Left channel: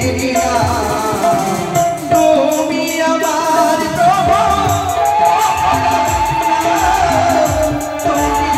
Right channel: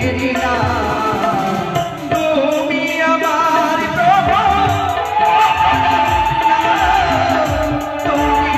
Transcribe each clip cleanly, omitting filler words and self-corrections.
तेरी তুমি আমার প্রভু তুমি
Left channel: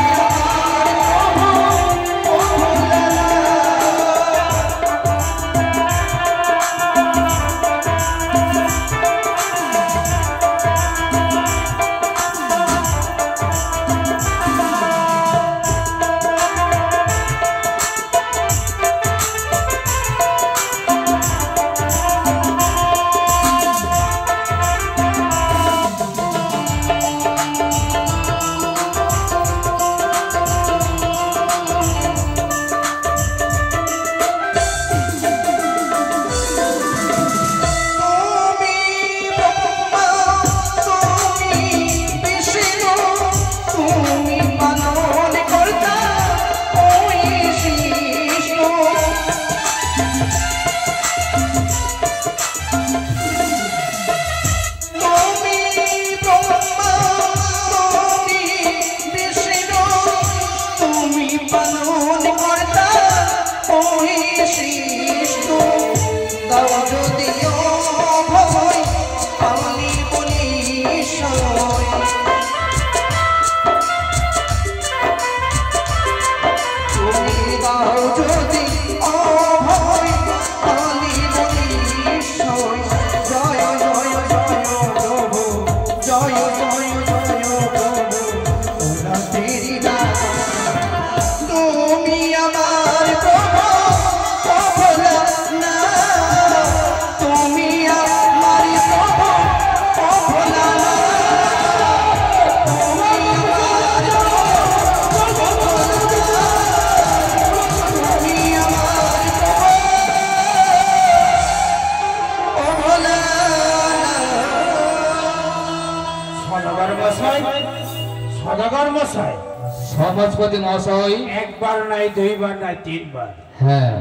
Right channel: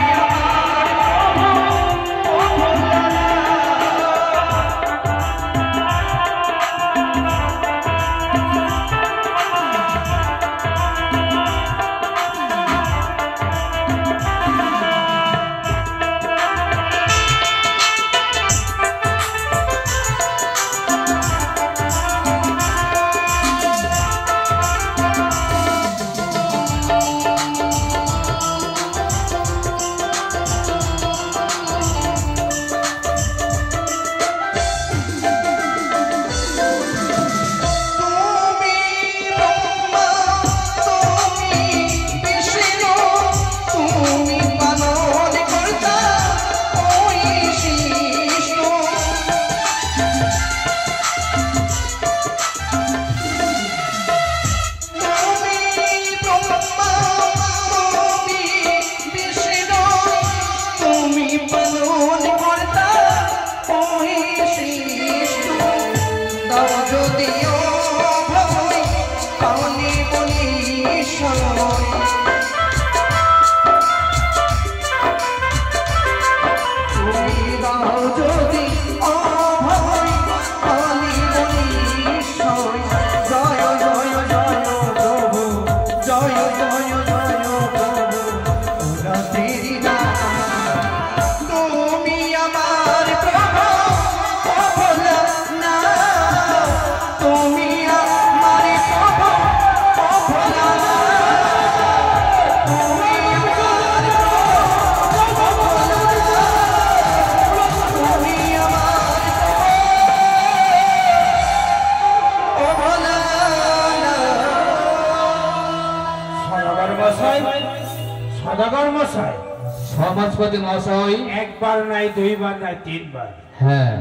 সমাজপতি মহাশয় একবার নাই দুইবার নাই তিনবার হ্যাঁ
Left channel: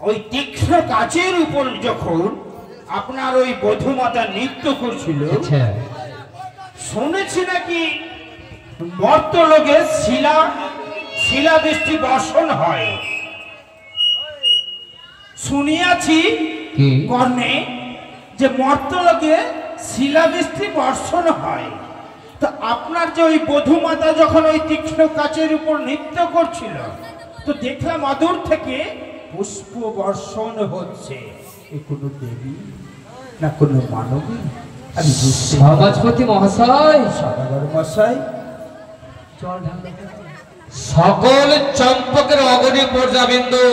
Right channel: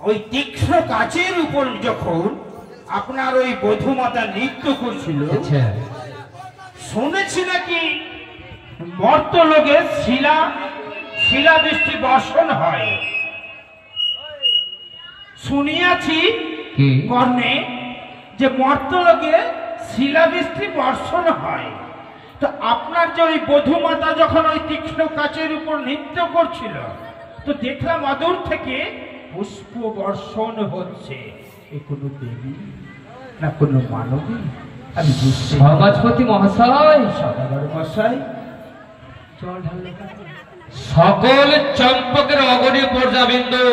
ওই তীক্ষ্ণ কাচের উপর যখন আপনার ওই বধূমাতা নৃত্য করছিল শুনেছি নাকি মর্তলোকে শিলাবৃষ্টি বর্ষণ হয় শুনিয়াছি কর্ণে যে মর্তলোকে শিলাবৃষ্টি বর্ষণ হয় তো আপনার যে ওই বধূমাতা যখন ওই তীক্ষ্ণ কাচের উপর নৃত্য করছিল তো দেখলাম অদূর থেকে পুষ্প বর্ষণ হচ্ছে কোনো দেবী না কোনো মানবী আমি সমাজপতি মহাশয় সদাগর মশাই সকল চম্পকের অগণী পর্যাবিন্দু